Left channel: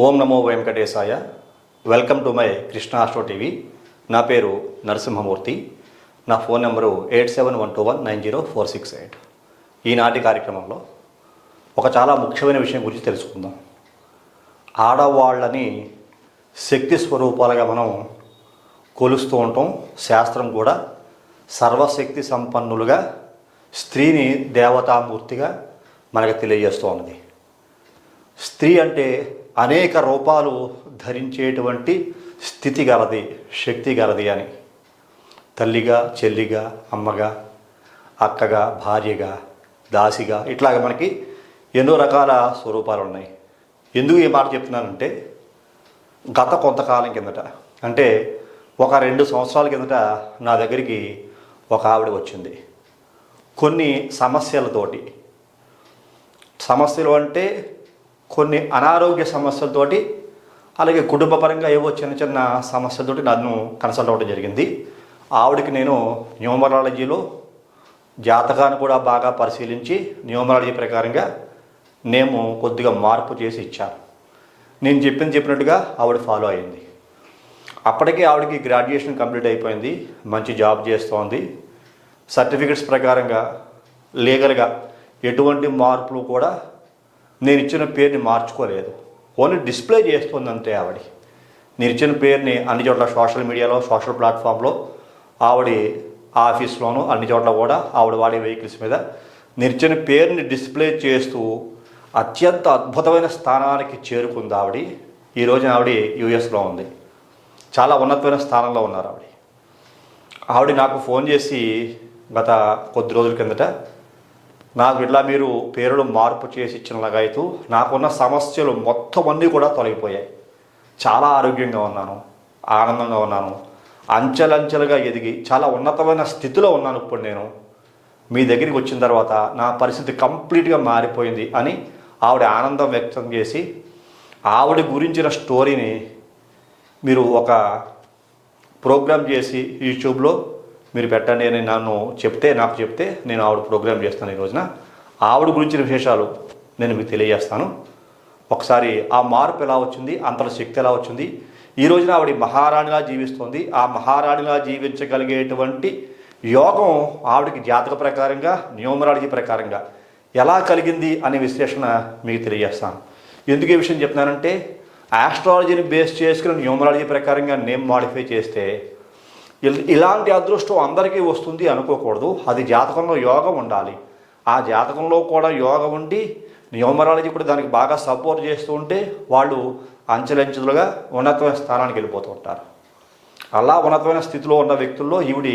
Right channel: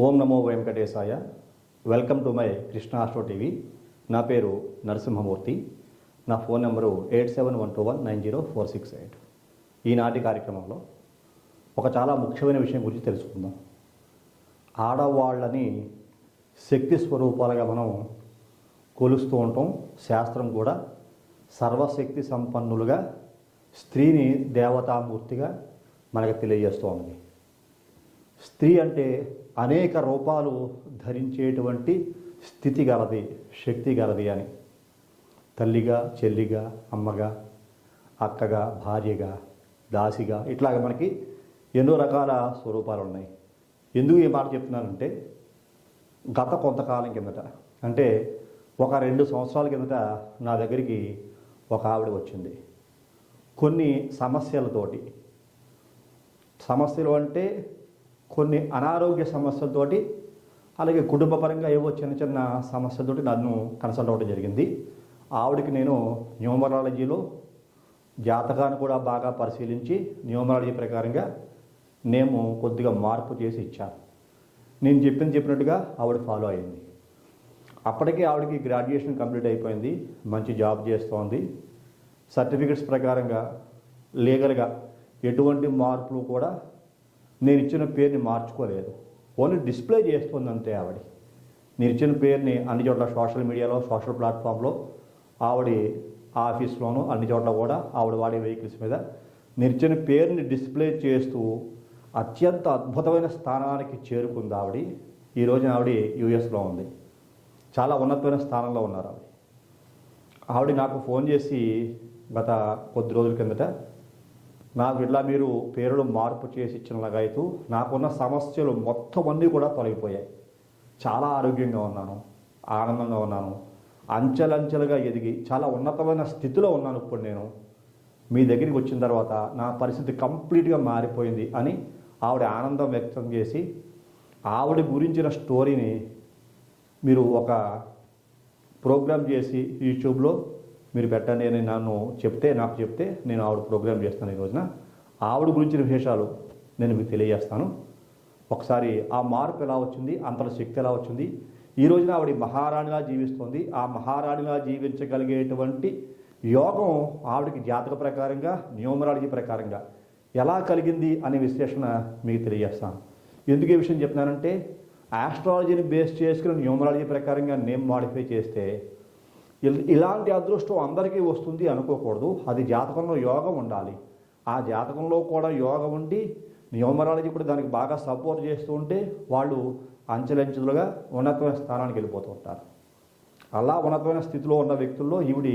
ఓం నమో వెంకటేశాయ. Welcome to my Krishna astro TV. నా పేరు నరసింహమూర్తి. నా ఫోన్ నెంబరు 8712190468. ఈనాటి కార్యక్రమంలో ఒక చాలా ముఖ్యమైన విషయం గురించి తెలుసుకుందాం. ఆడవాళ్ళని శక్తి స్వరూపాలుగా మనం కొలుస్తూ ఉంటాం. శాస్త్రం కూడా సర్వశక్తి సంపన్నులుగా స్త్రీని దేవతామూర్తిగా మనకు తెలియజేస్తూ ఉన్నది. స్త్రీ అంటే అనేక రూపాలు ధరించేటువంటి స్థితి గలది, శక్తి గలది అని. తల్లిగా, చెల్లిగా, అమ్మగా, అక్కగా, భార్యగా, దాసిగా, ఇట్లాగ మనకి ఎన్నో రకాల స్వరూపాలు ఉన్నాయి. ఎందుకు ఈ మాట చెప్తున్నానంటే, గత కొంతకాలం కిందట, అంటే ఒక 2 సంవత్సరాల కిందట నా దగ్గరికి ఒక ఆవిడ వచ్చింది. కొన్ని సమస్యలు అంటే కొన్ని అనారోగ్య సమస్యలతోటి, అలాగే కుటుంబపరంగా ఏవో చిన్న చిన్న సమస్యలతోటి నన్ను కన్సల్ట్ అవ్వడం జరిగింది. ఆవిడకి నేను న్యూమరాలజీలో జాతకాన్ని కూడా బాగా పరిశీలించి న్యూమరాలజీ ప్రకారంగా నేను కొద్దిగా మార్పు చేసి ఇచ్చాను. నేను చెప్పినట్టుగా ఆవిడ ఫాలో అయింది. అప్పటికే ఆవిడకి గ్రాడ్యుయేషన్ కంప్లీట్ అయిపోయింది, మంచి జాబ్ చేస్తోంది. సర్టిఫికెట్స్ ప్రకారంగా లీగల్గా ఎటువంటి మార్పులు కూడా నేను ఇచ్చిన పేరుని మార్చుకోలేదు. ఓన్లీ డిస్ప్లే చేస్తుంది అంతే. నేను ఇచ్చిన పేరుని అన్ని చోట్ల సోషల్ మీడియాలో, సోషల్ ప్లాట్ఫామ్లో, ఆవిడ ఆఫీస్లోనూ అన్ని చోట్ల కూడా ఆవిడ వాడే వెహికల్స్ మీద నేను ఇచ్చిన పేరుని డిస్ప్లే చేస్తూ అత్యంత అద్భుతమైన స్థానానికి చేరుకుంది ఆవిడ. ఈ రోజున ఆవిడ యూఎస్లో ఉంది. చాలా ఉన్నతమైన స్థానంలో ఉన్నారు ఆవిడ నాకు ఫోన్ చేసి గత కొద్ది రోజుల కిందట, నాకు ఇట్లా మీరు పేరులో మార్పు చేసి ఇచ్చినలాగైతూ నాకున్న సమస్యలు మొత్తం అన్నీ కూడా తొలగిపోయాయి. చాలా ఆరోగ్యంగా ఉన్నాను, ఆనందంగా ఉన్నాను, అంచెలంచెలుగా ఎదిగి చాలా ఉన్నతమైన స్థితిలో ఉన్నాను. ఇప్పుడు నేను మీ దగ్గరికి వచ్చిన తర్వాత నా పరిస్థితి కంప్లీట్గా మారిపోయింది అని ఆవిడ ఆనందం వ్యక్తం చేసి, ఆవిడ గురించిన స్టోరీని మీరు ఒక ప్రోగ్రామ్ చేసి యూట్యూబ్లో మీరు పెట్టండి అని నాకు చెప్తే నేను ఆవిడ ప్రోగ్రామ్ చేస్తాను. ఈ రోజున ఆవిడ గురించిన విశేషాలు నేను మీకు తెలియజేస్తాను. ఒకసారి ఆ మార్పు ఎలా వచ్చింది, అంతల శక్తి ఎలా వచ్చింది, ఈ రోజున ఆవిడ మహారాణిలా జీవిస్తుంది. ఆ మహారాణిలా జీవించగలిగేటువంటి యోగం ఆవిడకి జాతక ప్రకారంగా, న్యూమరాలజీ ప్రకారంగా ఎలా కలిగింది అనే విశ్లేషణ మీకు తెలియజేస్తాను. ఎందుకు ఈ విషయం చెప్తున్నానంటే, ఆస్ట్రాలజీని బేస్ చేసుకుని న్యూమరాలజీ ప్రకారంగా నేమ్ మాడిఫై చేస్తే ఇలాంటి అదృష్టం అందరికీ వస్తుంది అనుకోకూడదు. అది జాతకంలో యోగం ఉండాలి. ఆ జాతకంలో కూడా యోగం ఉండి న్యూమరాలజీ కూడా దానికి బాగా సపోర్ట్ చేస్తూ ఉంటే వాళ్ళు అంచెలంచెలుగా ఉన్నతమైన స్థానానికి వెళ్ళిపోతూ ఉంటారు. అలా ఉన్నతమైన స్థితిలో ఉన్న వ్యక్తుల్లో ఈవిడ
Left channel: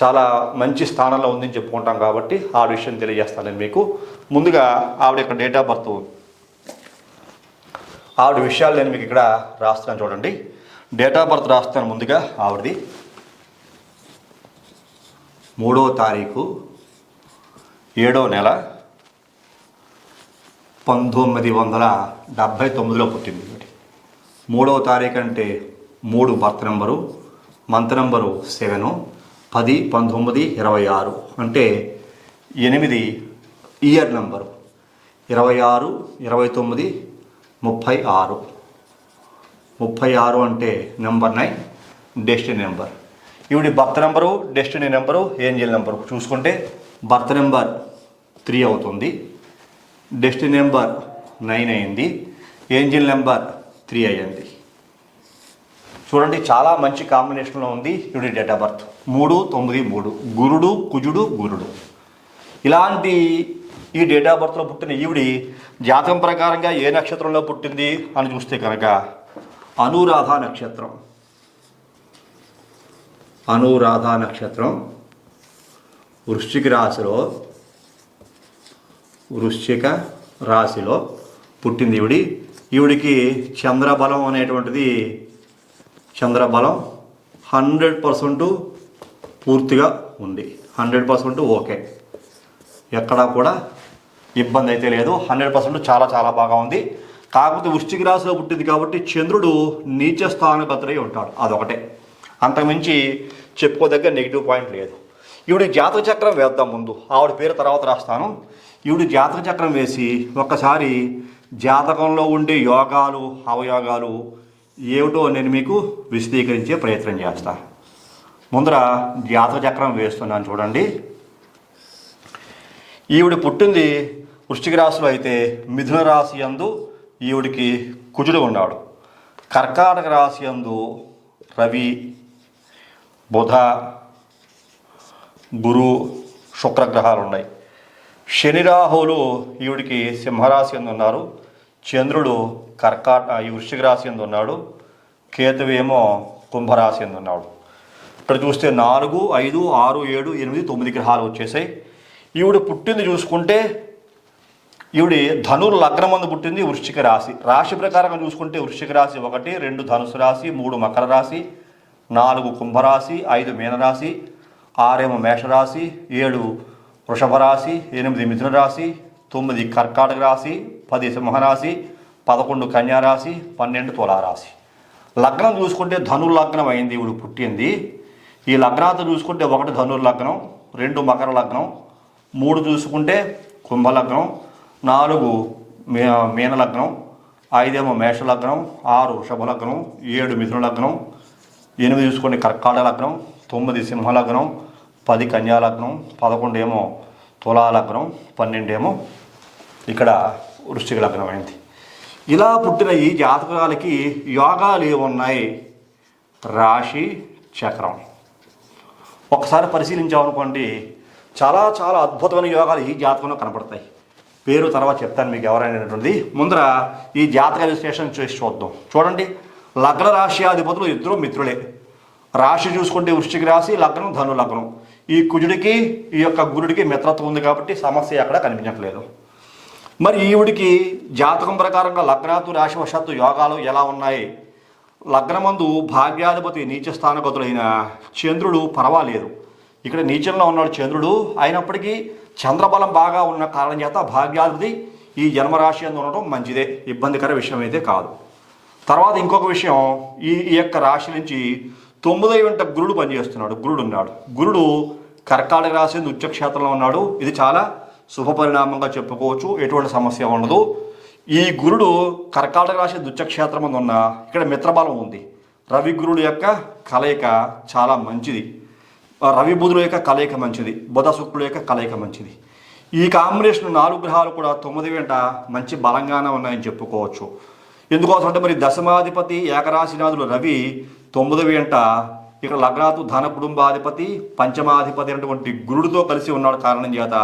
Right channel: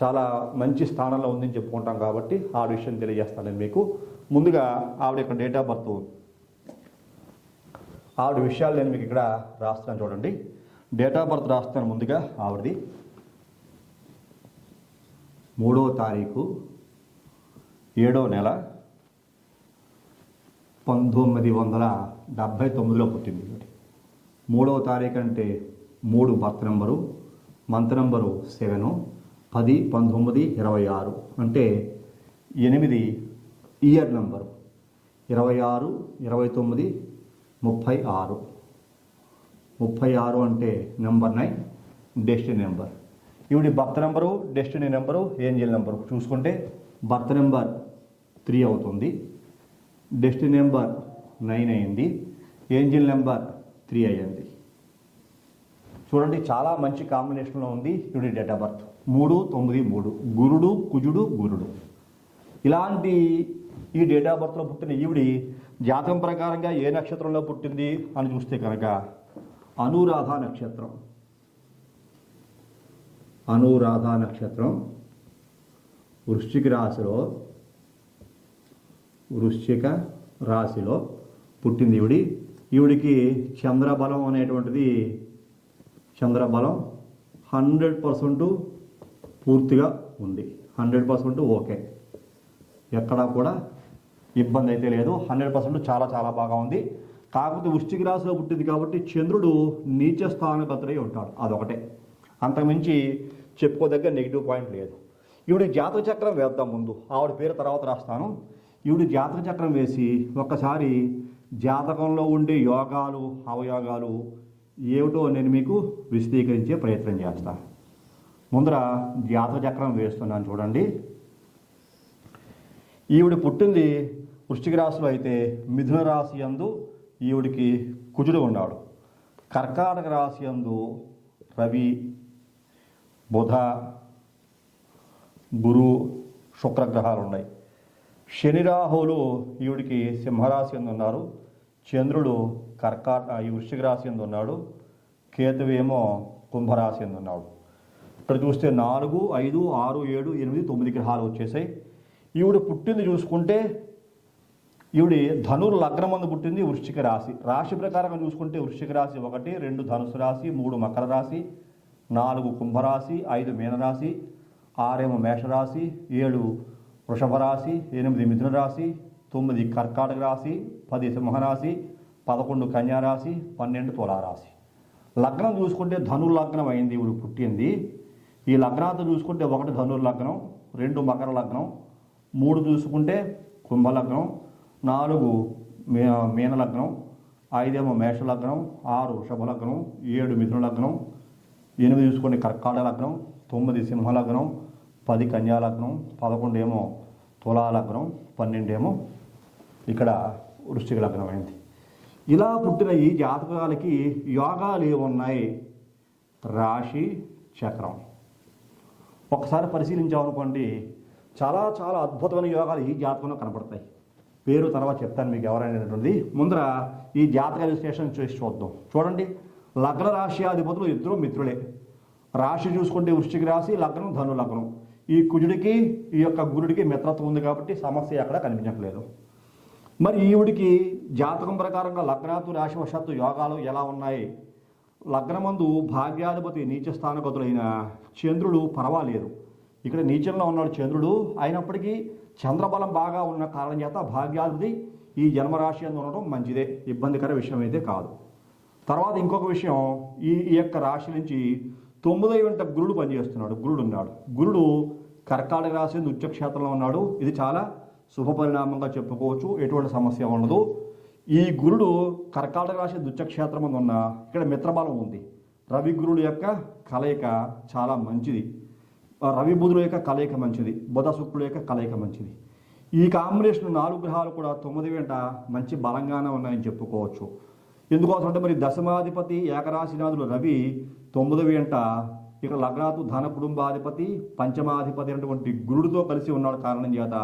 చాలా మంచి స్థానంలో ఉందని చెప్పుకుంటాం. కాబట్టి ఆ విషయం తెలియజేస్తాను నేను మీకు. ముందుగా ఆవిడ యొక్క డేట్ ఆఫ్ బర్త్, ఆవిడ విషయాలు నేను మీకు ఇక్కడ రాస్తాను చూడండి. డేట్ ఆఫ్ బర్త్ రాస్తాను. ముందుగా ఆవిడది 3వ తారీఖు 7వ నెల 1979లో పుట్టింది. 3వ తారీఖు అంటే 3 బర్త్ నెంబరు, మంత్ నెంబరు 7, 10, 19, 26 అంటే 8 ఇయర్ నెంబరు, 26, 29, 36. 36 అంటే నెంబర్ 9, డెస్టినీ నెంబర్. ఈవిడ birth number, destiny number, Angel number చూసుకుంటే బర్త్ నెంబర్ 3 అవుతుంది, డెస్టినీ నెంబర్ 9 అయింది, ఏంజల్ నెంబర్ 3 అయ్యింది. చూడండి, చాలా మంచి కాంబినేషన్లో ఉంది ఈవిడ డేట్ ఆఫ్ బర్త్. 3, 9, 3 గురుడు, కుజుడు, గురుడు. ఇలాంటి ఈ డేట్ ఆఫ్ బర్త్లో పుట్టిన ఈవిడ జాతకం ప్రకారంగా ఏ నక్షత్రంలో పుట్టింది అని చూస్తే కనుక అనురాధ నక్షత్రం. అనురాధ నక్షత్రం వృశ్చిక రాశిలో పుట్టింది ఈవిడికి చంద్రబలం అనేటువంటిది, చంద్రబలం 100% పూర్తిగా ఉంది. 100% ఓకే, ఎక్కడా కూడా ఇబ్బంది అయితే లేదు. 100% చాలా చాలా బాగా ఉంది. కాకపోతే వృశ్చిక రాశిలో పుట్టింది కాబట్టి చంద్రుడు నీచ స్థానగతుడై ఉంటాడు, అదొకటే. అంతకుమించి చెప్పుకోదగ్గ నెగిటివ్ పాయింట్ లేదు. ఈవిడ జాతక చక్రం వేద్దాం. ముందు ఆవిడ పేరు తర్వాత రాస్తాను. ఈవిడ జాతక చక్రం వేసి ఒక్కసారి జాతకంలో ఉండే యోగాలు అవయోగాలు ఏమిటో నేను మీకు విశదీకరించే ప్రయత్నం చేస్తా. ముందర జాతక చక్రం వేస్తున్నాను చూడండి. ఈవిడ పుట్టింది వృశ్చిక రాశిలో అయితే మిథున రాశి యందు ఈవిడికి కుజుడు ఉన్నాడు. కర్కాటక రాశి యందు రవి, బుధ, గురు, శుక్రగ్రహాలు ఉన్నాయి. శని రాహువులు ఈవిడికి సింహరాశి యందు ఉన్నారు. చంద్రుడు ఈ వృశ్చిక రాశి యందు ఉన్నాడు. కేతువేమో కుంభరాశి యందు ఉన్నాడు. ఇక్కడ చూస్తే 4, 5, 6, 7, 8, 9 గ్రహాలు వచ్చేసాయి. ఈవిడ పుట్టింది చూసుకుంటే ఈవిడ ధనుర్ లగ్నం మందు పుట్టింది వృశ్చిక రాశి. రాశి ప్రకారంగా చూసుకుంటే వృశ్చిక రాశి 1, 2 ధనుసు రాశి, 3 మకర రాశి, 4 కుంభరాశి, 5 మీనరాశి, 6 మేషరాశి, 7 వృషభ రాశి, 8 మిథున రాశి, 9 కర్కాటక రాశి, 10 సింహరాశి, 11 కన్యారాశి, 12 తులారాశి. లగ్నం చూసుకుంటే ధనుర్ లగ్నం అయింది ఈవిడ పుట్టింది. ఈ లగ్నాలతో చూసుకుంటే 1 ధనుర్ లగ్నం, 2 మకర లగ్నం, 3 చూసుకుంటే కుంభలగ్నం, 4 మీన లగ్నం, 5 మేష లగ్నం, 6 వృషభ లగ్నం, 7 మిథున లగ్నం, 8 చూసుకుంటే కర్కాటక లగ్నం, 9 సింహ లగ్నం, 10 కన్యా లగ్నం, 11 తులా లగ్నం, 12 ఇక్కడ వృశ్చిక లగ్నం అయింది. ఇలా పుట్టిన ఈ జాతకాలకి యోగాలు ఏమున్నాయి? రాశి చక్రం ఒకసారి పరిశీలించామనుకోండి, చాలా చాలా అద్భుతమైన యోగాలు ఈ జాతకంలో కనపడతాయి. పేరు తర్వాత చెప్తాను మీకు ఎవరైనటువంటి. ముందర ఈ జాతక విశ్లేషణ చేసి చూద్దాం. చూడండి, లగ్న రాశి అధిపతులు ఇద్దరు మిత్రులే. రాశి చూసుకుంటే వృశ్చిక రాశి, లగ్నం ధను లగ్నం. ఈ కుజుడికి ఈ యొక్క గురుడికి మిత్రత్వం ఉంది కాబట్టి సమస్య ఎక్కడ కనిపించట్లేదు. మరి ఈవిడికి జాతకం ప్రకారంగా లగ్నాతు రాశివశాత్తు యోగాలు ఎలా ఉన్నాయి? లగ్నమందు భాగ్యాధిపతి నీచ స్థానగతులైన చంద్రుడు పర్వాలేదు. ఇక్కడ నీచంలో ఉన్నాడు చంద్రుడు. అయినప్పటికీ చంద్రబలం బాగా ఉన్న కారణం చేత భాగ్యాధిపతి ఈ జన్మరాశి అందు ఉండటం మంచిదే, ఇబ్బందికర విషయం అయితే కాదు. తర్వాత ఇంకొక విషయం, ఈ యొక్క రాశి నుంచి 9వ వెంట గురుడు పనిచేస్తున్నాడు. గురుడు ఉన్నాడు. గురుడు కర్కాటక రాశి ఉచ్చక్షేత్రంలో ఉన్నాడు. ఇది చాలా శుభ పరిణామంగా చెప్పుకోవచ్చు, ఎటువంటి సమస్య ఉండదు. ఈ గురుడు కర్కాటక రాశి దుచ్చక్షేత్రం మీద ఉన్న ఇక్కడ మిత్రబలం ఉంది. రవి గురుడు యొక్క కలయిక చాలా మంచిది. రవి బుధుడు యొక్క కలయిక మంచిది. బుధ శుక్రుడు యొక్క కలయిక మంచిది. ఈ కాంబినేషన్ 4 గ్రహాలు కూడా 9 వెంట మంచి బలంగానే ఉన్నాయని చెప్పుకోవచ్చు. ఎందుకోసం అంటే మరి దశమాధిపతి ఏకరాశినాథుడు రవి 9 వెంట ఇక్కడ లగ్నాతు ధన కుటుంబాధిపతి పంచమాధిపతి అయినటువంటి గురుడితో కలిసి ఉన్నాడు. కారణం చేత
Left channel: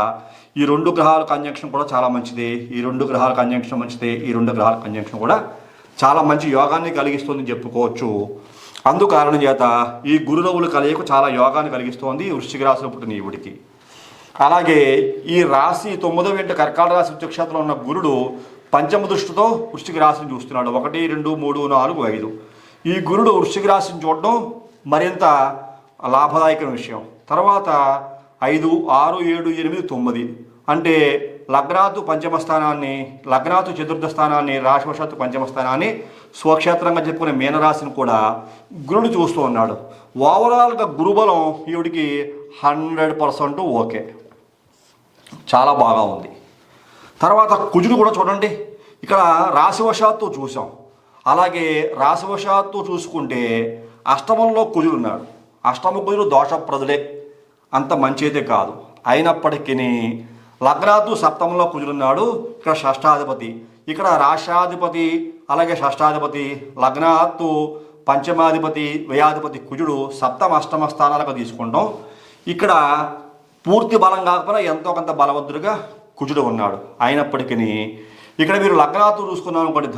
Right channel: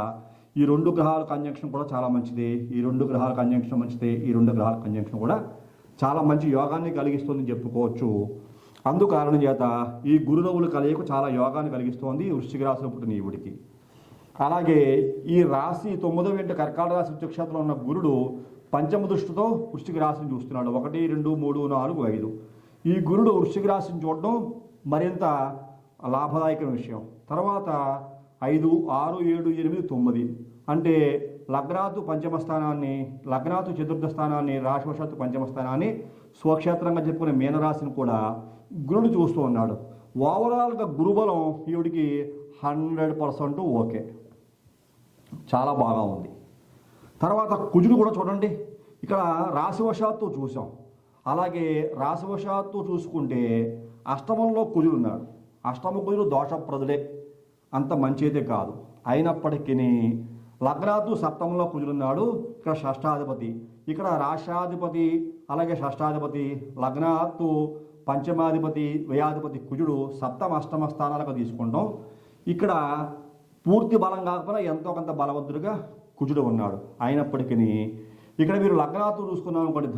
ఈ 2 గ్రహాల కంజంక్షన్ కూడా చాలా మంచిది. ఈ 2 గ్రహాల కంజంక్షన్ మంచిదే. ఈ 2 గ్రహాల కంజంక్షన్ కూడా చాలా మంచి యోగాన్ని కలిగిస్తుందని చెప్పుకోవచ్చు. అందుకారణం చేత ఈ గురురవుల కలయిక చాలా యోగాన్ని కలిగిస్తోంది వృశ్చిక రాశిలో పుట్టిన ఈవిడికి. అలాగే ఈ రాశి 9వ వెంట కర్కాటక రాశి ఉచ్చక్షేత్రంలో ఉన్న గురుడు పంచమ దృష్టితో వృశ్చిక రాశిని చూస్తున్నాడు. 1, 2, 3, 4, 5. ఈ గురుడు వృశ్చిక రాశిని చూడడం మరింత లాభదాయకమైన విషయం. తర్వాత 5, 6, 7, 8, 9 అంటే లగ్నాతు పంచమ స్థానాన్ని, లగ్నాతు చతుర్థ స్థానాన్ని, రాశివశాత్తు పంచమ స్థానాన్ని స్వక్షేత్రంగా చెప్పుకునే మీనరాశిని కూడా గురుడు చూస్తూ ఉన్నాడు. ఓవరాల్గా గురుబలం ఈవిడికి 100% ఓకే, చాలా బాగా ఉంది. తర్వాత కుజుడు కూడా చూడండి, ఇక్కడ రాశివశాత్తు చూసాం. అలాగే రాశివశాత్తు చూసుకుంటే అష్టమంలో కుజుడు ఉన్నాడు. అష్టమ కుజుడు దోషప్రదులే, అంత మంచిదే కాదు. అయినప్పటికీ లగ్నాతు సప్తమంలో కుజుడున్నాడు. ఇక్కడ షష్టాధిపతి, ఇక్కడ రాష్ట్రాధిపతి, అలాగే షష్టాధిపతి, లగ్నాతు పంచమాధిపతి, వ్యయాధిపతి కుజుడు సప్తమ అష్టమ స్థానాలకు తీసుకుంటాం. ఇక్కడ పూర్తి బలం కాకపోయినా ఎంతో కొంత బలవంతుడిగా కుజుడు ఉన్నాడు. అయినప్పటికీ ఇక్కడ మీరు లగ్నాతు చూసుకున్నాం అనుకోండి,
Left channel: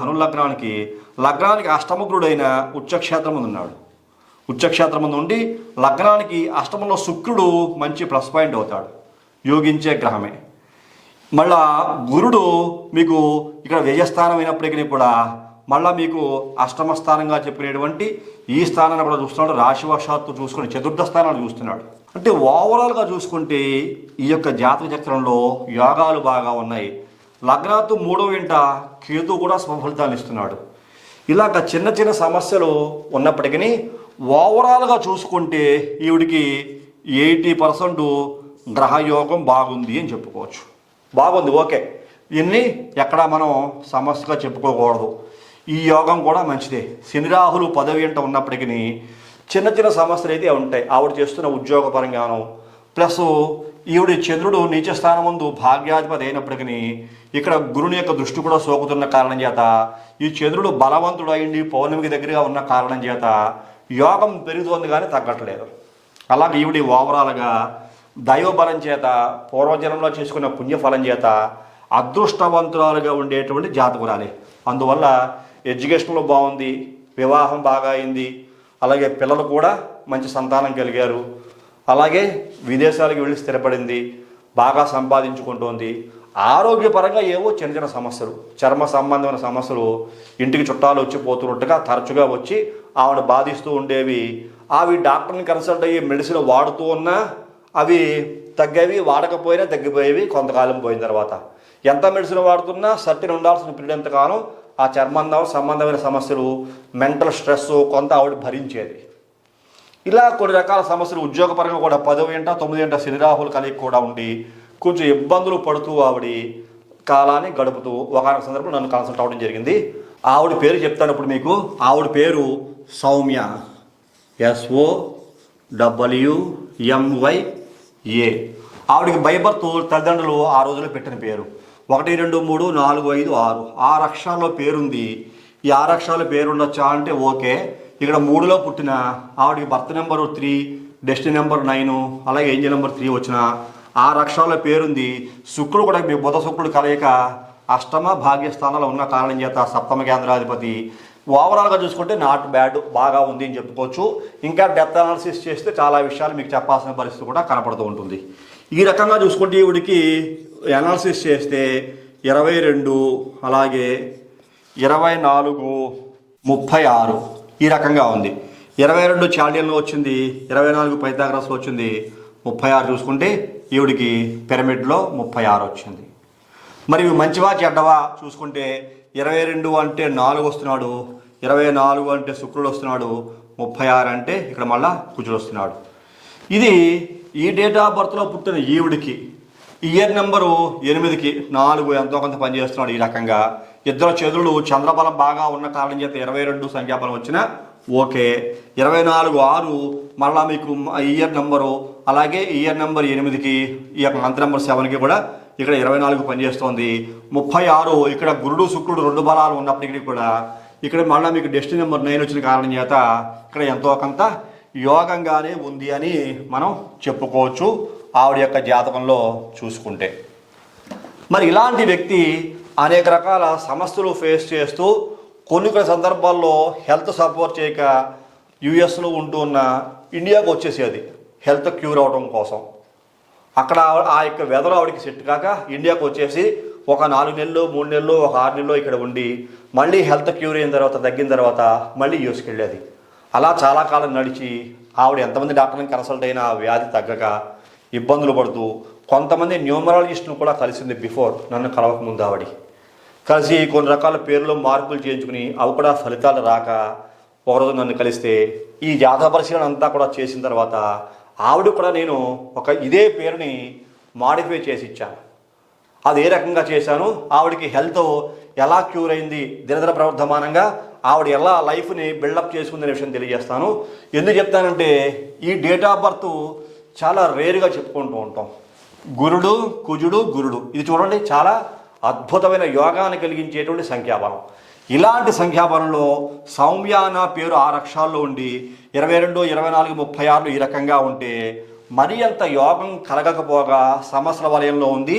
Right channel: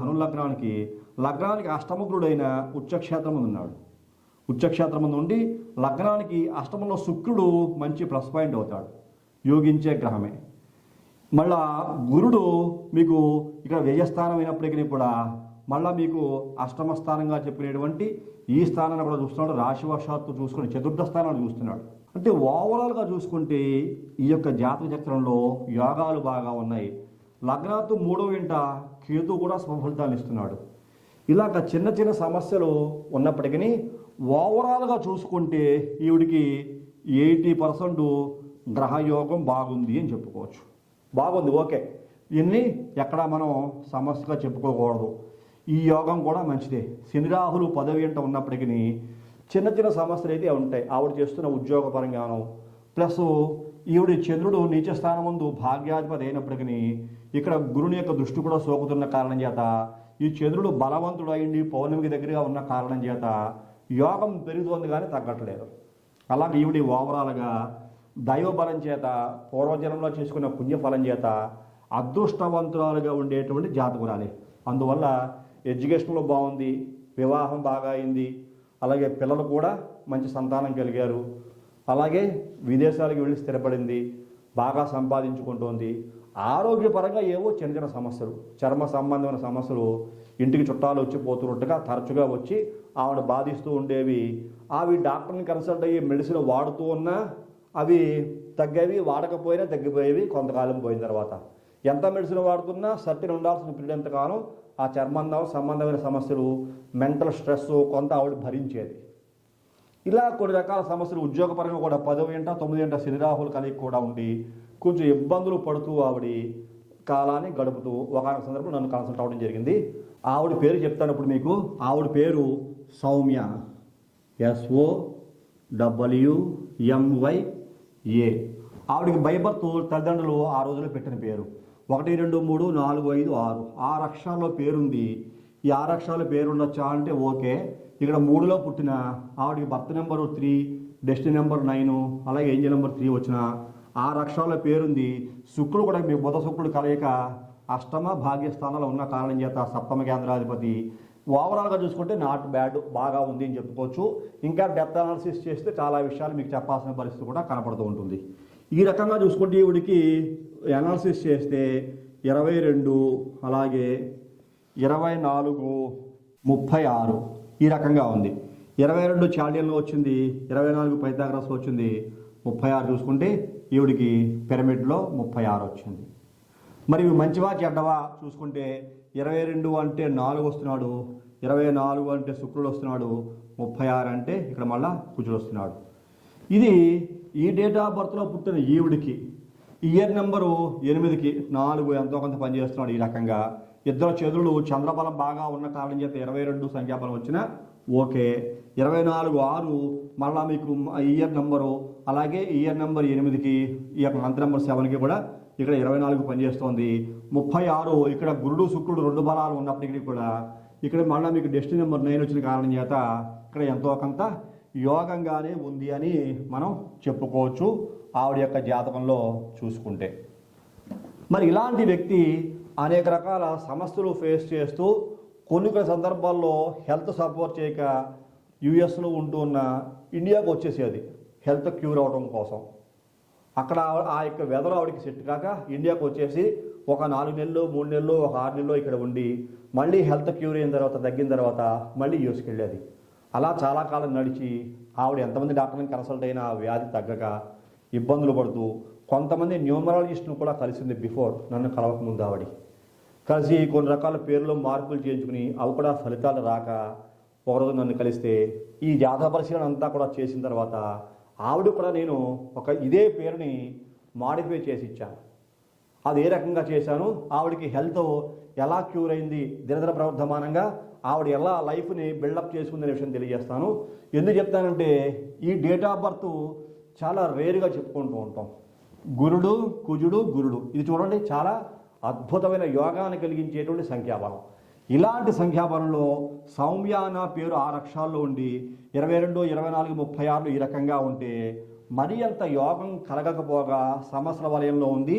లగ్నానికి అష్టమగురుడైన ఉచ్చక్షేత్రం ముందు ఉన్నాడు. ఉచ్చక్షేత్రం ముందు ఉండి లగ్నానికి అష్టమంలో శుక్రుడు మంచి ప్లస్ పాయింట్ అవుతాడు, యోగించే గ్రహమే. మళ్ళా గురుడు మీకు ఇక్కడ వ్యయస్థానం అయినప్పటికీ కూడా మళ్ళీ మీకు అష్టమ స్థానంగా చెప్పినటువంటి ఈ స్థానాన్ని కూడా చూస్తున్నాడు. రాశివశాత్తు చూసుకుని చతుర్థ స్థానాన్ని చూస్తున్నాడు. అంటే ఓవరాల్గా చూసుకుంటే ఈ యొక్క జాతక చక్రంలో యోగాలు బాగా ఉన్నాయి. లగ్నాతు 3వ వెంట కేతు కూడా శుభఫలితాలు ఇస్తున్నాడు. ఇలాగ చిన్న చిన్న సమస్యలు ఉన్నప్పటికీ ఓవరాల్గా చూసుకుంటే ఈవిడికి 80% గ్రహయోగం బాగుంది అని చెప్పుకోవచ్చు. బాగుంది, ఓకే. దీన్ని ఎక్కడ మనం సమస్యగా చెప్పుకోకూడదు. ఈ యోగం కూడా మంచిదే. శని రాహులు 10వ ఇంట ఉన్నప్పటికీ చిన్న చిన్న సమస్యలు అయితే ఉంటాయి. ఆవిడ చేస్తున్న ఉద్యోగపరంగాను ప్లస్ ఈవిడ చంద్రుడు నీచ స్థానం ముందు భాగ్యాధిపతి అయినప్పటికీ ఇక్కడ గురుని యొక్క దృష్టి కూడా సోకుతున్న కారణం చేత ఈ చంద్రుడు బలవంతుడు అయింది పౌర్ణమికి దగ్గరగా ఉన్న కారణం చేత యోగం పెరుగుతోంది కానీ తగ్గట్లేదు. అలాగే ఈవిడ ఓవరాల్గా దైవబలం చేత పూర్వజన్మలో చేసుకున్న పుణ్యఫలం చేత అదృష్టవంతురాలుగా ఉండేటువంటి జాతకురాలే. అందువల్ల ఎడ్యుకేషన్లో బాగుంది, వివాహం బాగా అయింది, అలాగే పిల్లలు కూడా మంచి సంతానం కలిగారు, అలాగే విదేశాలకు వెళ్ళి స్థిరపడింది, బాగా సంపాదించుకుంటోంది. ఆరోగ్యపరంగా ఏవో చిన్న చిన్న సమస్యలు, చర్మ సంబంధమైన సమస్యలు ఇంటికి చుట్టాలు వచ్చి పోతున్నట్టుగా తరచుగా వచ్చి ఆవిడ బాధిస్తూ ఉండేవి. అవి డాక్టర్ని కన్సల్ట్ అయ్యి మెడిసిన్ వాడుతూ ఉన్నా అవి తగ్గేవి, వాడకపోయినా తగ్గిపోయేవి. కొంతకాలం పోయిన తర్వాత ఎంత మెడిసిన్ వాడుతున్నా సర్టిన్ ఉండాల్సిన పీరియడ్ ఎంతకాలం ఆ సంబంధమైన సమస్యలు, మెంటల్ స్ట్రెస్ కొంత ఆవిడ భరించేది. ఇలా కొన్ని రకాల సమస్యలు ఉద్యోగపరంగా కూడా 10వ ఇంట 9వ ఇంట శని రాహులు కలిగి కూడా ఉండి కొంచెం ఇబ్బందులు పడుతూ ఆవిడ కాలాన్ని గడుపుతూ ఒకనొక సందర్భంలో నన్ను కన్సల్ట్ అవ్వడం జరిగింది. ఆవిడ పేరు చెప్తాను ఇప్పుడు మీకు. ఆవిడ పేరు సౌమ్య, SOWMYA. ఆవిడకి బై బర్త్ తల్లిదండ్రులు ఆ రోజుల్లో పెట్టిన పేరు 1 2 3 4 5 6 6 అక్షరాల్లో పేరుంది. ఈ 6 అక్షరాల పేరు ఉండొచ్చా అంటే ఓకే. ఇక్కడ 3లో పుట్టిన ఆవిడకి బర్త్ నెంబరు 3, డెస్టినీ నెంబర్ 9, అలాగే ఏంజల్ నెంబర్ 3 వచ్చిన 6 అక్షరాల పేరుంది. శుక్రుడు కూడా మీ బుధ శుక్రుడు కలయిక అష్టమ భాగ్యస్థానాలు ఉన్న కారణం చేత సప్తమ కేంద్రాధిపతి. ఓవరాల్గా చూసుకుంటే నాట్ బ్యాడ్, బాగా ఉంది అని చెప్పుకోవచ్చు. ఇంకా డెప్త్ అనాలిసిస్ చేస్తే చాలా విషయాలు మీకు చెప్పాల్సిన పరిస్థితి కూడా కనపడుతూ ఉంటుంది. ఈ రకంగా చూసుకుంటే ఈవిడికి అనాలిసిస్ చేస్తే 22, అలాగే 24, 36 ఈ రకంగా ఉంది. 22 చాల్డియన్లో వచ్చింది, 24 పైథాగరస్లో వచ్చింది, 36 చూసుకుంటే ఈవిడికి పిరమిడ్లో 36 వచ్చింది. మరి మంచివా చెడ్డవా చూసుకుంటే 22 అంటే 4 వస్తున్నాడు, 24 అంటే శుక్రుడు వస్తున్నాడు, 36 అంటే ఇక్కడ మళ్ళా కుజుడు వస్తున్నాడు. ఇది ఈ డేట్ ఆఫ్ బర్త్లో పుట్టిన ఈవిడికి ఇయర్ నెంబరు 8కి 4 ఎంతో కొంత పనిచేస్తున్నాడు. ఈ రకంగా ఇద్దరు చంద్రులు చంద్రబలం బాగా ఉన్న కారణం చేత 22 సంఖ్యాబలం వచ్చినా ఓకే. 24 6 మళ్ళా మీకు ఇయర్ నెంబరు, అలాగే ఇయర్ నెంబర్ 8కి ఈ యొక్క మంత్ నెంబర్ 7కి కూడా ఇక్కడ 24 పనిచేస్తోంది. 36 ఇక్కడ గురుడు శుక్రుడు 2 బలాలు ఉన్నప్పటికీ కూడా ఇక్కడ మళ్ళీ మీకు డెస్టినీ నెంబర్ 9 వచ్చిన కారణం చేత ఇక్కడ ఎంతో కొంత యోగంగానే ఉంది అని మనం చెప్పుకోవచ్చు ఆవిడ యొక్క జాతకంలో చూసుకుంటే. మరి ఇలాంటి వ్యక్తి అనేక రకాల సమస్యలు ఫేస్ చేస్తూ కొన్ని సందర్భాల్లో హెల్త్ సపోర్ట్ చేయక యుఎస్లో ఉంటూ ఉన్న ఇండియాకు వచ్చేసేది హెల్త్ క్యూర్ అవడం కోసం. అక్కడ ఆ యొక్క వెదర్ ఆవిడకి సెట్ కాక ఇండియాకు వచ్చేసి ఒక 4 నెలలు 3 నెలలు ఒక 6 నెలలు ఇక్కడ ఉండి మళ్ళీ హెల్త్ క్యూర్ అయిన తర్వాత తగ్గిన తర్వాత మళ్ళీ యూఎస్కి వెళ్ళేది. అలా చాలా కాలం నడిచి ఆవిడ ఎంతమంది డాక్టర్ని కన్సల్ట్ అయినా వ్యాధి తగ్గక ఇబ్బందులు పడుతూ కొంతమంది న్యూమరాలజిస్టులు కూడా కలిసింది. బిఫోర్ నన్ను కలవకముందు ఆవిడ కలిసి కొన్ని రకాల పేర్లు మార్పులు చేయించుకుని అవి కూడా ఫలితాలు రాక ఒకరోజు నన్ను కలిస్తే ఈ జాతక పరిశీలన అంతా కూడా చేసిన తర్వాత ఆవిడ కూడా నేను ఇదే పేరుని మాడిఫై చేసి ఇచ్చాను. అది ఏ రకంగా చేశాను, ఆవిడకి హెల్త్ ఎలా క్యూర్ అయింది, దినదిన ప్రవర్ధమానంగా ఆవిడ ఎలా లైఫ్ని బిల్డప్ చేసుకుందనే విషయం తెలియజేస్తాను. ఎందుకు చెప్తానంటే ఈ డేట్ ఆఫ్ బర్త్ చాలా రేరుగా చెప్పుకుంటూ ఉంటాం. గురుడు కుజుడు గురుడు, ఇది చూడండి చాలా అద్భుతమైన యోగాన్ని కలిగించేటువంటి సంఖ్యాబలం. ఇలాంటి సంఖ్యాబలంలో సౌమ్య అన్న పేరు 6 అక్షరాల్లో ఉండి 22, 24, 36 ఈ రకంగా ఉంటే మరి అంత యోగం కలగకపోగా సమస్యల వలయంలో ఉంది.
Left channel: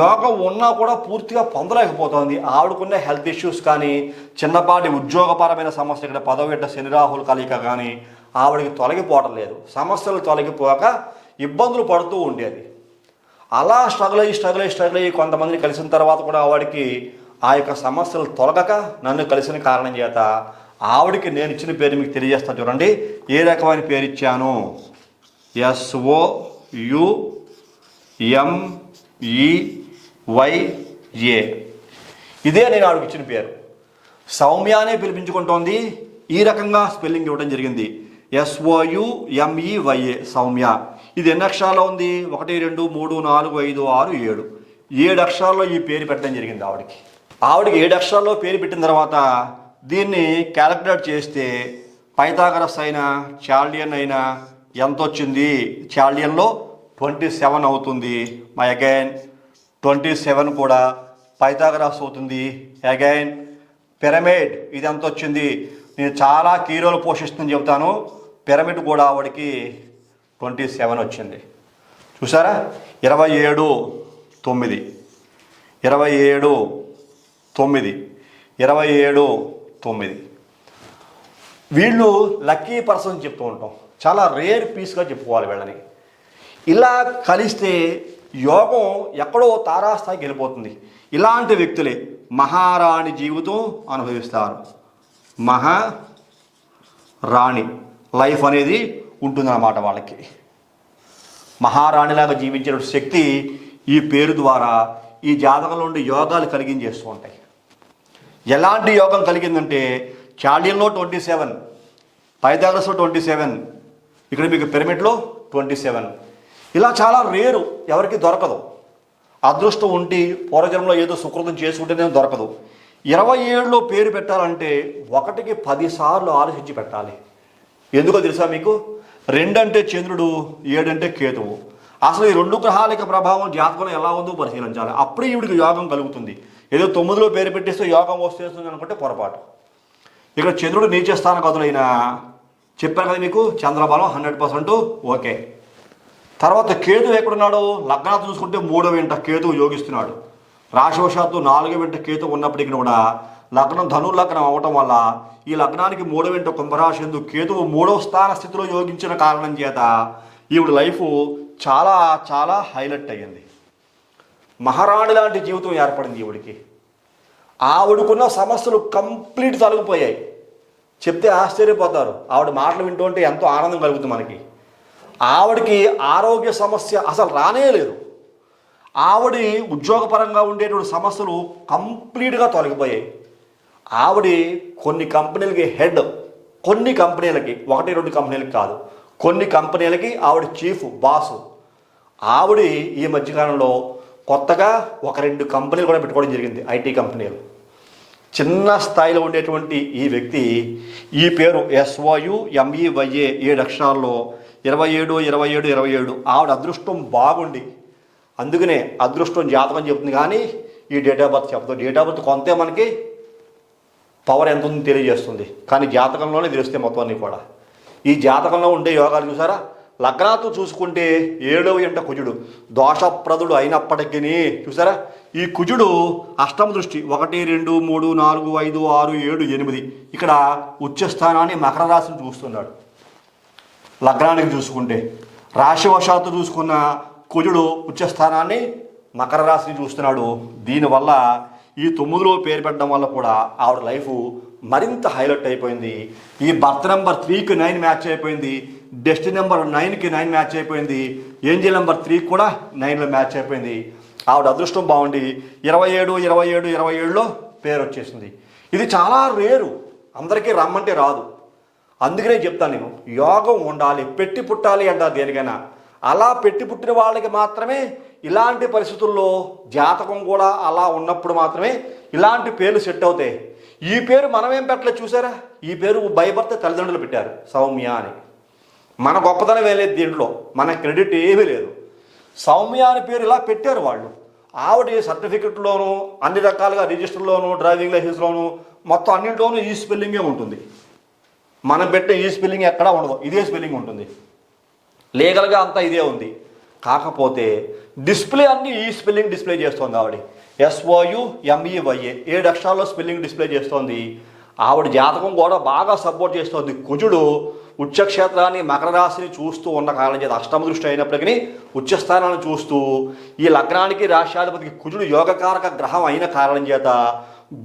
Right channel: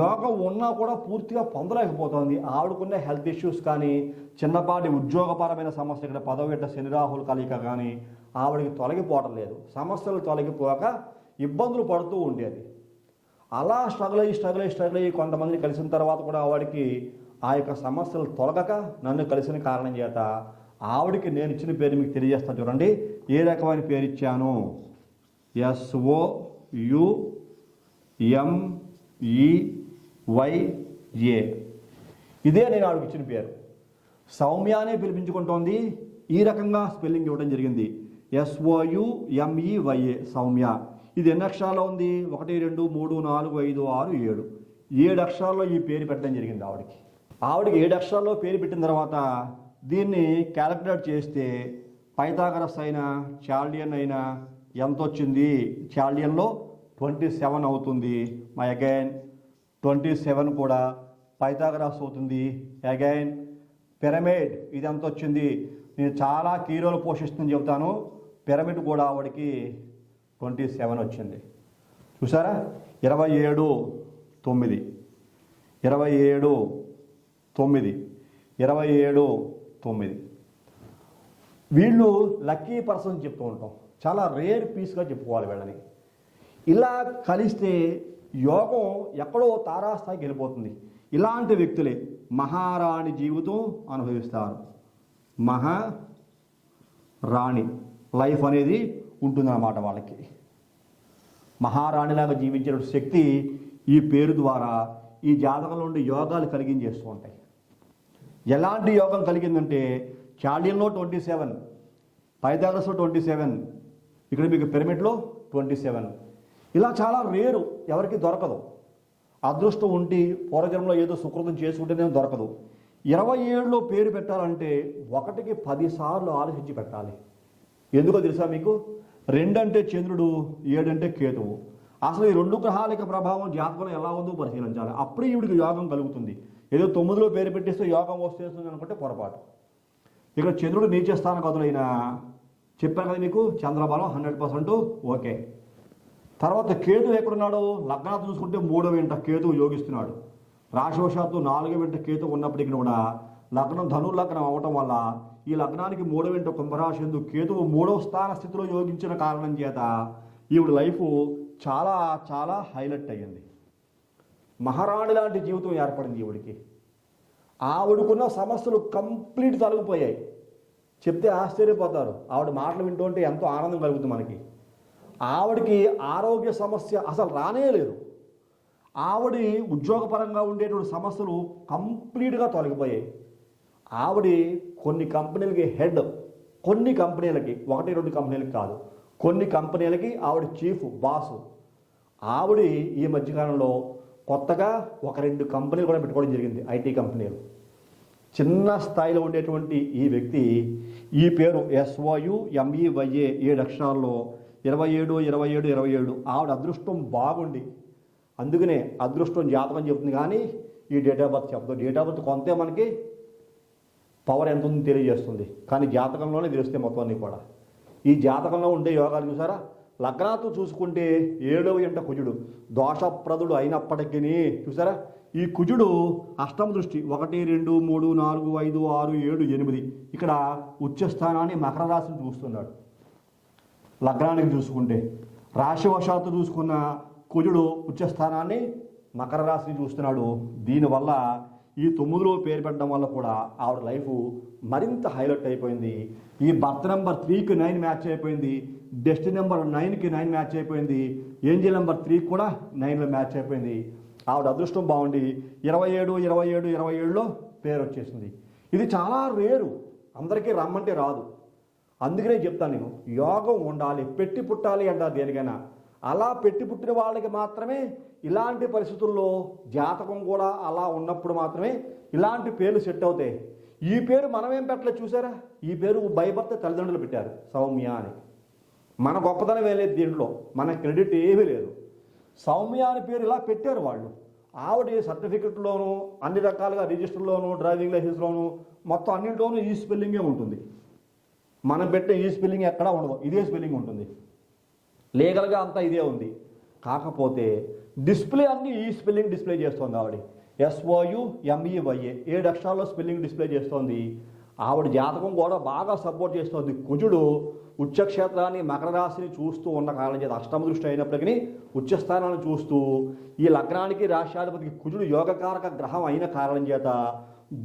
యోగం ఉన్నా కూడా పూర్తిగా పొందలేకపోతుంది. ఆవిడకున్న హెల్త్ ఇష్యూస్ కానీ చిన్నపాటి ఉద్యోగపరమైన సమస్య, ఇక్కడ 10వ ఇంట శని రాహుల కలయిక కానీ ఆవిడకి తొలగిపోవడం లేదు. సమస్యలు తొలగిపోక ఇబ్బందులు పడుతూ ఉండేది. అలా స్ట్రగుల్ అయ్యి కొంతమందిని కలిసిన తర్వాత కూడా ఆవిడకి ఆ యొక్క సమస్యలు తొలగక నన్ను కలిసిన కారణం చేత ఆవిడకి నేను ఇచ్చిన పేరు మీకు తెలియజేస్తాను. చూడండి ఏ రకమైన పేరు ఇచ్చాను. SOUMEYA. ఇదే నేను ఆవిడకి ఇచ్చిన పేరు. సౌమ్యానే పిలిపించుకుంటోంది. ఈ రకంగా స్పెల్లింగ్ ఇవ్వడం జరిగింది. SOUMEYA సౌమ్య. ఇది ఎన్ని అక్షరాల్లో ఉంది? 1 2 3 4 5 6 7. 7 అక్షరాల్లో ఈ పేరు పెట్టడం జరిగింది ఆవిడికి 7 అక్షరాల్లో పేరు పెట్టిన తర్వాత దీన్ని క్యాలిక్యులేట్ చేస్తే పైథాగరస్ అయినా చాల్డియన్ అయినా ఎంత వచ్చింది? చాల్డియన్లో 27 అవుతుంది. అగైన్ 27 కూడా పైథాగరస్ అవుతుంది. అగైన్ పిరమిడ్ ఇది ఎంత వచ్చింది? నేను చాలా కీ రోల్ పోషిస్తుందని చెబుతాను. పిరమిడ్ కూడా ఆవిడికి 27 వచ్చింది. చూసారా? 27 9 27 9 27 9. వీళ్ళు లక్కీ పర్సన్ చెప్తూ ఉంటాం. చాలా రేర్ పీస్గా చెప్పుకోవాలి వీళ్ళని. ఇలా కలిస్తే యోగం ఎక్కడో తారాస్థాయికి వెళ్ళిపోతుంది. ఇలాంటి వ్యక్తులే మహారాణి జీవితం అనుభవిస్తారు. మహారాణి లైఫ్ అనేది ఉంటుందన్నమాట వాళ్ళకి. మహారాణిలాగా జీవించిన శక్తి ఈ పేరు ద్వారా ఈ జాతకంలో ఉండే యోగాలు కలిగించేస్తూ ఉంటాయి. ఎలాంటి యోగం కలిగిందంటే చాల్డియన్లో 27, పైథాగరస్లో 27, ఇక్కడ మీకు పిరమిడ్లో 27. ఇలా చాలా రేరు, ఎవరికి దొరకదు. అదృష్టం ఉండి పూర్వజన్మలో ఏదో సుకృతం చేసుకుంటేనే దొరకదు. 27లో పేరు పెట్టాలంటే 1కి 10 సార్లు ఆలోచించి పెట్టాలి. ఎందుకో తెలుసా మీకు? 2 అంటే చంద్రుడు, 7 అంటే కేతువు. అసలు ఈ 2 గ్రహాల యొక్క ప్రభావం జాతకంలో ఎలా ఉందో పరిశీలించాలి. అప్పుడే ఈవిడికి యోగం కలుగుతుంది. ఏదో 9లో పేరు పెట్టేస్తే యోగం వస్తుంది అనుకుంటే పొరపాటు. ఇక్కడ చంద్రుడు నీచ స్థానగతులైనా చెప్పాను కదా మీకు, చంద్రబలం 100% ఓకే. తర్వాత కేతువు ఎక్కడున్నాడు? లగ్నాలు చూసుకుంటే 3వ ఇంట కేతువు యోగిస్తున్నాడు. రాశివశాత్తు 4వ ఇంట కేతువు ఉన్నప్పటికీ కూడా లగ్నం ధను లగ్నం అవటం వల్ల ఈ లగ్నానికి 3వ ఇంట కుంభరాశి ఎందు కేతువు 3వ స్థాన స్థితిలో యోగించిన కారణం చేత ఈవిడ లైఫ్ చాలా చాలా హైలైట్ అయ్యింది. మహారాణి లాంటి జీవితం ఏర్పడింది ఈవిడికి. ఆవిడకున్న సమస్యలు కంప్లీట్ తొలగిపోయాయి. చెప్తే ఆశ్చర్యపోతారు. ఆవిడ మాటలు వింటుంటే ఎంతో ఆనందం కలుగుతుంది మనకి. ఆవిడకి ఆరోగ్య సమస్య అసలు రానే లేదు. ఆవిడ ఉద్యోగపరంగా ఉండేటువంటి సమస్యలు కంప్లీట్గా తొలగిపోయాయి. ఆవిడ కొన్ని కంపెనీలకి హెడ్, కొన్ని కంపెనీలకి, 1-2 కంపెనీలకి కాదు, కొన్ని కంపెనీలకి ఆవిడ చీఫ్ బాసు. ఆవిడ ఈ మధ్యకాలంలో కొత్తగా 1-2 కంపెనీలు కూడా పెట్టుకోవడం జరిగింది, ఐటీ కంపెనీలు. చిన్న స్థాయిలో ఉండేటువంటి ఈ వ్యక్తి ఈ పేరు SOUMEYA 7 అక్షరాల్లో 27 27 27. ఆవిడ అదృష్టం బాగుండి, అందుకనే అదృష్టం జాతకం చెప్తుంది కానీ ఈ డేట్ ఆఫ్ బర్త్ చెప్పదు. డేట్ ఆఫ్ బర్త్ కొంతే మనకి పవర్ ఎంత ఉందో తెలియజేస్తుంది, కానీ జాతకంలోనే తెలుస్తే మొత్తం అన్నీ కూడా. ఈ జాతకంలో ఉండే యోగాలు చూసారా? లగ్నాతో చూసుకుంటే 7వ ఇంట కుజుడు దోషప్రదుడు అయినప్పటికీ చూసారా, ఈ కుజుడు అష్టమ దృష్టి 1 2 3 4 5 6 7 8 ఇక్కడ ఉచ్చస్థానాన్ని మకర రాశిని చూస్తున్నాడు. లగ్నానికి చూసుకుంటే రాశివశాత్తు చూసుకున్న కుజుడు ఉచ్చస్థానాన్ని మకర రాశిని చూస్తున్నాడు. దీనివల్ల ఈ 9లో పేరు పెట్టడం వల్ల కూడా ఆవిడ లైఫ్ మరింత హైలైట్ అయిపోయింది. ఈ బర్త్ నెంబర్ 3కి 9 మ్యాచ్ అయిపోయింది. డెస్టినీ నెంబర్ 9కి 9 మ్యాచ్ అయిపోయింది. ఏంజిల్ నెంబర్ 3 కూడా 9లో మ్యాచ్ అయిపోయింది. ఆవిడ అదృష్టం బాగుండి 27 27 27లో పేరు వచ్చేసింది. ఇది చాలా రేరు, అందరికీ రమ్మంటే రాదు. అందుకనే చెప్తాను నేను, యోగం ఉండాలి, పెట్టి పుట్టాలి అంటారు దేనికైనా. అలా పెట్టి పుట్టిన వాళ్ళకి మాత్రమే ఇలాంటి పరిస్థితుల్లో జాతకం కూడా అలా ఉన్నప్పుడు మాత్రమే ఇలాంటి పేర్లు సెట్ అవుతాయి. ఈ పేరు మనమేం పెట్టలేదు చూసారా? ఈ పేరు భయపడితే తల్లిదండ్రులు పెట్టారు, సౌమ్య అని. మన గొప్పతనం వేయలేదు దీంట్లో, మన క్రెడిట్ ఏమీ లేదు. సౌమ్య అని పేరు ఇలా పెట్టారు వాళ్ళు. ఆవిడ సర్టిఫికెట్లోనూ అన్ని రకాలుగా రిజిస్టర్లోనూ డ్రైవింగ్ లైసెన్స్లోనూ మొత్తం అన్నింటిలోనూ ఈ స్పెల్లింగే ఉంటుంది. మనం పెట్టే ఈ స్పెల్లింగ్ ఎక్కడా ఉండదు, ఇదే స్పెల్లింగ్ ఉంటుంది. లీగల్గా అంతా ఇదే ఉంది. కాకపోతే డిస్ప్లే అన్నీ ఈ స్పెల్లింగ్ డిస్ప్లే చేస్తుంది ఆవిడ. SOUMEYA 7 అక్షరాల్లో స్పెల్లింగ్ డిస్ప్లే చేస్తోంది. ఆవిడ జాతకం కూడా బాగా సపోర్ట్ చేస్తోంది. కుజుడు ఉచ్చక్షేత్రాన్ని మకర రాశిని చూస్తూ ఉన్న కారణం చేత అష్టమ దృష్టి అయినప్పటికీ ఉచ్చస్థానాన్ని చూస్తూ ఈ లగ్నానికి రాష్ట్రాధిపతికి కుజుడు యోగకారక గ్రహం అయిన కారణం చేత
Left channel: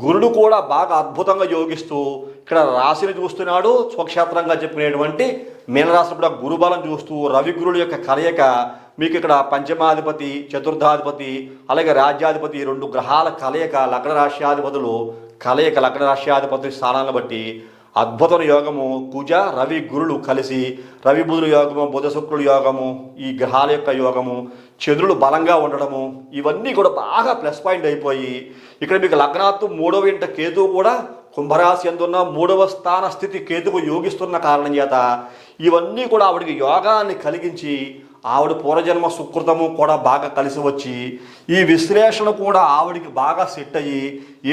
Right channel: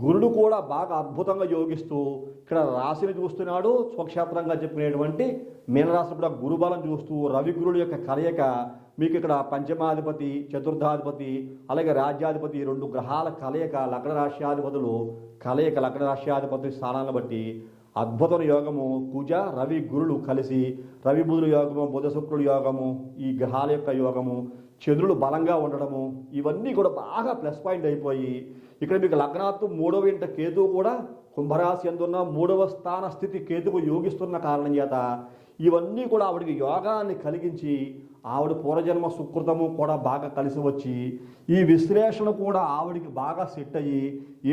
గురుడు కూడా బాగా అద్భుతంగా యోగిస్తూ ఇక్కడ రాశిని చూస్తున్నాడు. స్వక్షేత్రంగా చెప్పుకునేటువంటి మీనరాశి కూడా గురుబలం చూస్తూ రవి గురుడు యొక్క కలయిక మీకు ఇక్కడ పంచమాధిపతి, చతుర్థాధిపతి, అలాగే రాజ్యాధిపతి 2 గ్రహాల కలయిక, లగ్న రాష్ట్రాధిపతులు కలయిక, లగ్న రాష్ట్రాధిపతి స్థానాలను బట్టి అద్భుతమైన యోగము. కుజ రవి గురుడు కలిసి రవి బుధుల యోగము, బుధ శుక్రుడు యోగము, ఈ గ్రహాల యొక్క యోగము చంద్రుడు బలంగా ఉండడము, ఇవన్నీ కూడా బాగా ప్లస్ పాయింట్ అయిపోయి ఇక్కడ మీకు లగ్నాత్తు 3వ ఇంట కేతువు కూడా కుంభరాశి ఎందున్న 3వ స్థాన స్థితి కేతువు యోగిస్తున్న కారణం చేత ఇవన్నీ కూడా ఆవిడికి యోగాన్ని కలిగించి ఆవిడ పూర్వజన్మ సుకృతము కూడా బాగా కలిసి వచ్చి ఈ విశ్లేషణ కూడా ఆవిడికి బాగా సెట్ అయ్యి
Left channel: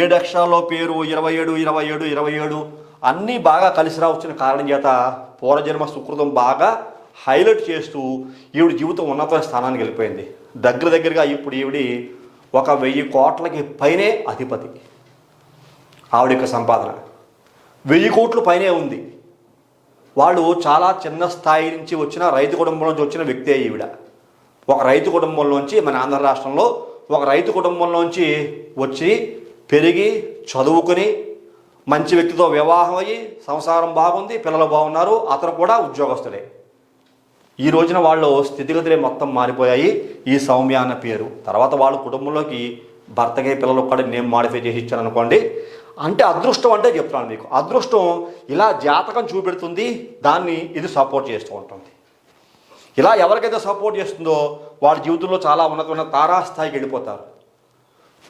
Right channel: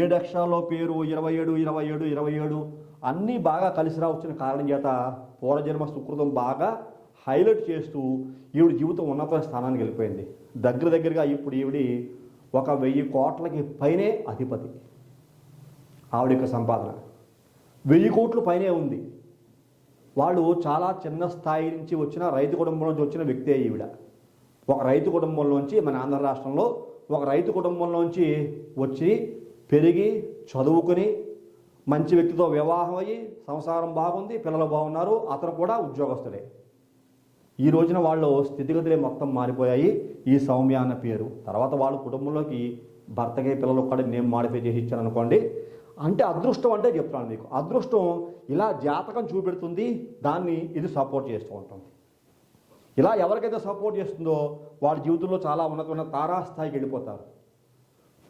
7 అక్షరాల్లో పేరు 27 27 27 అన్నీ బాగా కలిసి రావచ్చిన కారణం చేత పూర్వజన్మ సుకృతం బాగా హైలైట్ చేస్తూ ఈవిడ జీవితం ఉన్నత స్థానానికి వెళ్ళిపోయింది. దగ్గరగా ఇప్పుడు ఈవిడి 1,000 కోట్లకి పైనే అధిపతి. ఆవిడ యొక్క సంపాదన 1000 కోట్ల పైనే ఉంది. వాళ్ళు చాలా చిన్న స్థాయి నుంచి వచ్చిన రైతు కుటుంబం నుంచి వచ్చిన వ్యక్తే ఈవిడ. ఒక రైతు కుటుంబంలోంచి మన ఆంధ్ర రాష్ట్రంలో ఒక రైతు కుటుంబంలోంచి వచ్చి పెరిగి చదువుకుని మంచి వ్యక్తితో వివాహం అయ్యి సంసారం బాగుంది, పిల్లలు బాగున్నారు, అతను కూడా ఉద్యోగస్తుడే. ఈ రోజున వాళ్ళు స్థితిగతులే మొత్తం మారిపోయాయి. ఈ సౌమ్య అన్న పేరు తర్వాత వాళ్ళ కుటుంబంలోకి భర్తకి పిల్లలు కూడా నేమ్ మాడిఫై చేసి ఇచ్చాను అనుకోండి. అంటే అదృష్టం అంటే చెప్తున్నాను మీకు, అదృష్టం ఇలా జాతకం చూపెడుతుంది, దాన్ని ఇది సపోర్ట్ చేస్తూ ఉంటుంది. ఇలా ఎవరికైతే సపోర్ట్ చేస్తుందో వాళ్ళ జీవితంలో చాలా ఉన్నతమైన తారాస్థాయికి వెళ్ళిపోతారు.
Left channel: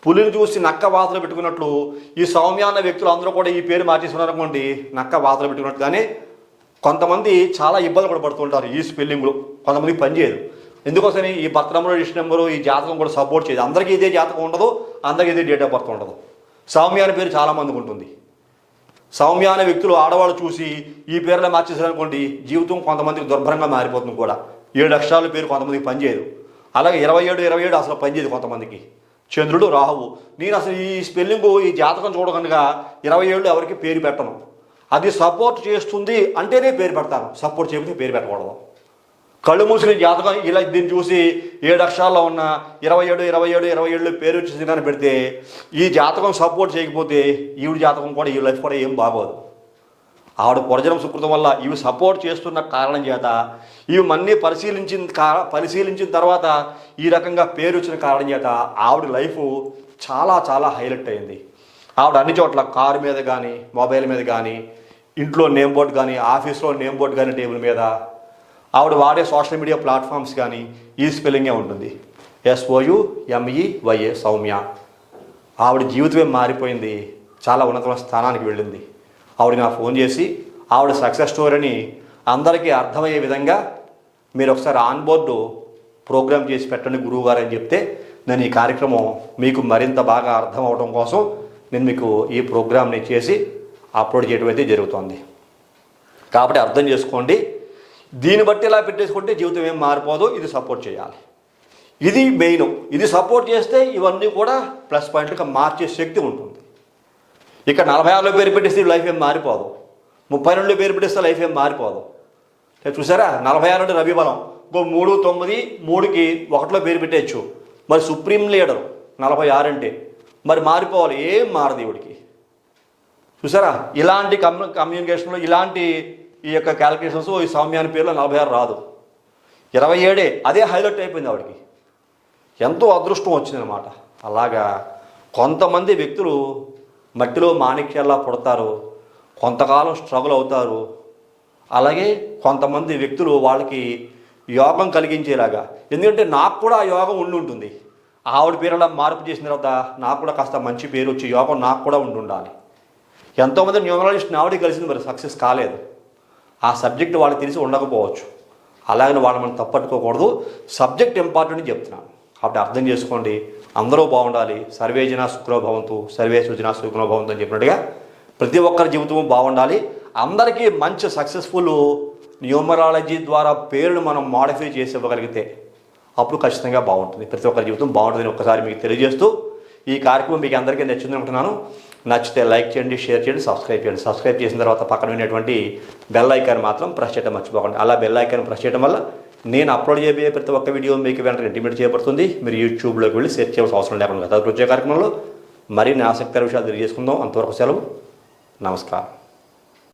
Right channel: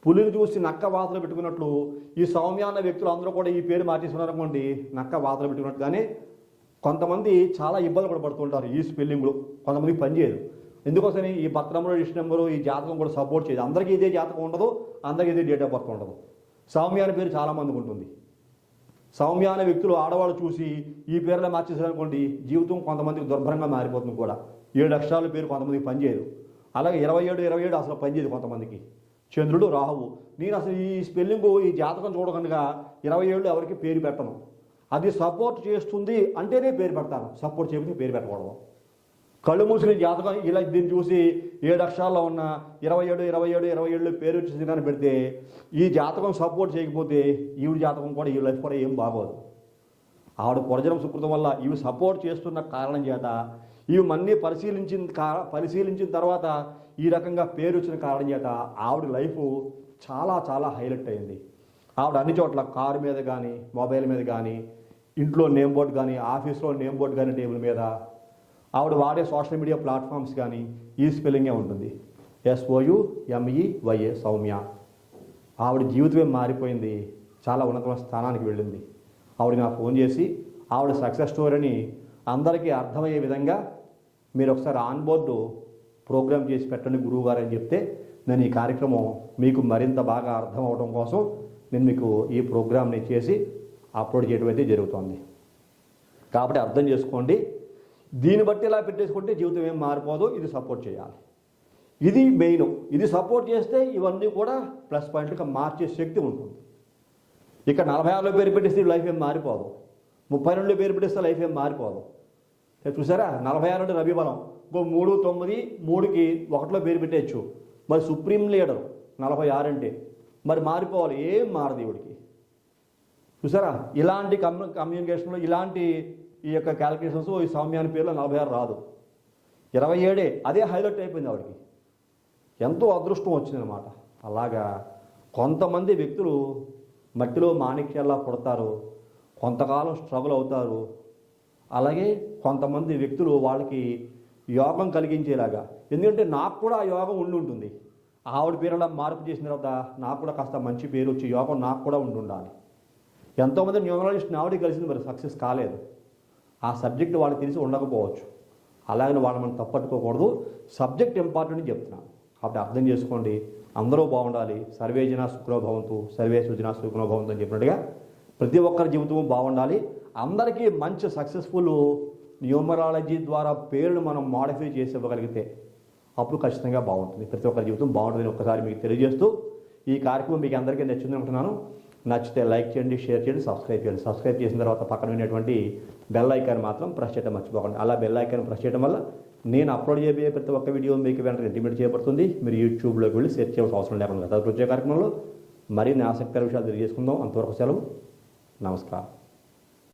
పులిని చూసి నక్క వాతలు పెట్టుకున్నట్లు ఈ సౌమ్య అన్న వ్యక్తులు అందరూ కూడా ఈ పేరు మార్చేస్తున్నారు అనుకోండి, నక్క వాతలు పెట్టుకున్నట్టుగానే కొంతమంది చాలా ఇబ్బందులు కూడా పడుతుంటారు. ఈ స్పెల్లింగ్లో కొంతమందికి పనిచేయదు. ఎందుకోసని ఈ బర్త్ నెంబరు, రిజిస్టర్ నెంబరు, ఈ జాతకం కూడా సపోర్ట్ చేయదు. అందరికీ ఇదే జాతకం ఉండదు, అందరికీ ఇదే డేట్ ఆఫ్ బర్త్ ఉండదు. సౌమ్య అనే పేరు చాలామందికి ఉంటుంది. సౌమ్య అనే వ్యక్తులు ఆడవాళ్ళు చూసి ఈ పేరులో మార్చేసారనుకోండి, జీవితం కొంతమందికి దుర్భరంగా మారిపోతుంది కూడా. 7 అక్షరాల పేరు కొంతమందికి పనిచేయదు. అలాగే 27 27 అసలు పనిచేయదు కొంతమందికి. చంద్రుడు రాహువు, నేను అసలు ఈ స్పెల్లింగు ఈ జాతకం చూడకుండా 27 ఎవరికి పేరు పెట్టను. అది సపోర్ట్ చేస్తుంది అంటేనే పేరు పెడతాను, సపోర్ట్ చేయకపోతే పేరు పెట్టకూడదు. కళ్ళు మూసిన జాతకం ఇలా దీన్ని చూసి 7 అక్షరాల్లో ఉన్న 27 27 27 పేరు వచ్చేసి కానీ పెడితే ఈ జాతకం సపోర్ట్ చేయకపోతే ఈవిడ జాతకం కూడా ఈ లైఫ్ కూడా ఏం బాగోదు. ఆవిడ పూర్వజన్మ సుకృతం వల్ల ఇవి సపోర్ట్ చేస్తున్న కారణం చేత ఇవి మన్నీ పరిశీలించిన తర్వాత ఈ రకంగా పేరు వచ్చిన కారణం చేత ఆవిడ లైఫ్ చాలా చాలా హైలైట్ అయింది. ఆవిడ అన్ని చోట్ల కారు మీద కానీ, మొబైల్ మీద కానీ, ఇంట్లో నేమ్ బోర్డు కానీ, ఆఫీస్లో నేమ్ బోర్డు కానీ, టేబుల్ మీద ఆవిడ వాడే సోషల్ మీడియా ప్లాట్ఫామ్స్ కానీ ఈ స్పెల్లింగే ఉంటుంది. SOUMEYA సౌమ్య. ఆవిడ జీవితమే మారిపోయింది, చాలా ఉన్నతమైన స్థానానికి వెళ్ళింది. ఆవిడ నాకు ఫోన్ చేసి ఆవిడ సక్సెస్ స్టోరీని అందరికీ అర్థమయ్యే విధంగా మీరు ఒకసారి ఆన్ బోర్డు ప్రోగ్రామ్ చేసి పెట్టండి గురువు గారు అని చెప్తే నేను ఈ కార్యక్రమం మీకు మరింత బాగా అర్థం అవడం కోసం నేను మీకు ఈ ప్రోగ్రామ్ని చేసి అప్లోడ్ చేయడం అయితే జరుగుతుంది. కాబట్టి అర్థం చేసుకోండి. దీన్ని బట్టి ఇలా పెట్టేసుకుంటే జీవితం ఏం మారిపోదు, ఇది సపోర్ట్ చేయాలి. ఇది మెయిన్. ఇది సపోర్ట్ చేస్తే ఇవన్నీ కూడా ప్లస్ పాయింట్గా మార్చే శక్తి ఉంటుంది. ఇక్కడ 46లో పేరు పెట్టేస్తే లైఫ్ ఏం మారిపోదు, 32లో పేరు పెట్టేస్తే లైఫ్ ఏం మారిపోదు. చూసారా, 46 అంటే రవి బలం, ఇంకో 3 9 3కి 1లో పేరు పెట్టేయచ్చు. మరి సుప్రీం లీడరు 46 అంటే మరి మారిపోవాలి, ఏం మారదు ఈవిడికి. చూసారా, ఇలాంటి కమ్యూనికేషన్లో ఇలాంటి ఈ యొక్క క్యాలిక్యులేషన్స్ ఈ సౌమ్యాని పేరులో 46 రాదు, 27 అదే హైలైట్ అయిపోయింది ఆవిడకి. ఎంతో అదృష్టం వచ్చిందనమాట. అలాగా కొంతమంది వ్యక్తులు మట్టిలో మాణిక్యాల్లా పుడతారు, కొంతకాలం స్ట్రగుల్ అవుతారు. అలాగే కొంతమంది వ్యక్తులు వాళ్ళకి యోగం కలిగించేలాగా, ఎందుకంటే నాకు కూడా ఆ యోగం ఉండి ఉంటుంది. ఆవిడ పేరులా మార్పు చేసిన తర్వాత నాకు కూడా కాస్త మంచి పేరు వచ్చి యోగం నాకు కూడా ఉండాలి. ఎంతోమంది న్యూమరాలజిస్ట్ని ఆవిడ కలిసింది, మరి సక్సెస్ కాలేదు. ఆ సబ్జెక్ట్ వాళ్ళకి తెలిసి ఉండకపోవచ్చు. అలాగని వాళ్ళు మనం తప్పట్టుకోకూడదు. సబ్జెక్ట్ ఇంపార్టెంట్ అని చెప్తున్నాను. కాబట్టి అర్థం చేసుకోండి. అందరూ బాగుండాలి. సర్వే జనా సుఖినో భవంతు, సర్వే సుజనా సుఖినో భవంతు అని చెప్పినట్టుగా ప్రతి ఒక్కరి జీవితం బాగుండాలి. అందరికీ మంచి సక్సెస్ఫుల్ న్యూమరాలజీ ద్వారా పేరును మనం మాడిఫై చేసి ఇవ్వగలిగితే అప్పుడు ఖచ్చితంగా బాగుంటుంది. ప్రతి ఒక్కరి జీవితం బాగుంటుందని ఒక్కసారి మీకు తెలియజేస్తూ ఈ కార్యక్రమం మీకు అందరికీ నచ్చింది అనుకుంటున్నాను. నచ్చితే లైక్ చేయండి, షేర్ చేయండి, సబ్స్క్రైబ్ చేయండి. సబ్స్క్రైబ్ చేసిన తర్వాత పక్కన ఉన్నటువంటి బెల్ ఐకాన్ మాత్రం ప్రెస్ చేయడం మర్చిపోకండి. అలా బెల్ ఐకాన్ ప్రెస్ చేయడం వల్ల నేను అప్లోడ్ చేయబోయే ప్రతి ఒక్క వీడియో మీకు వెంటనే ఇంటిమేట్ చేయబడుతుంది. మీరు యూట్యూబ్లోకి వెళ్ళి సెర్చ్ చేయాల్సిన అవసరం లేకుండా తదుపరి వచ్చే కార్యక్రమంలో మరిన్ని ఆసక్తికర విషయాలు తెలియజేసుకుందాం. అంతవరకు సెలవు. నమస్కారం.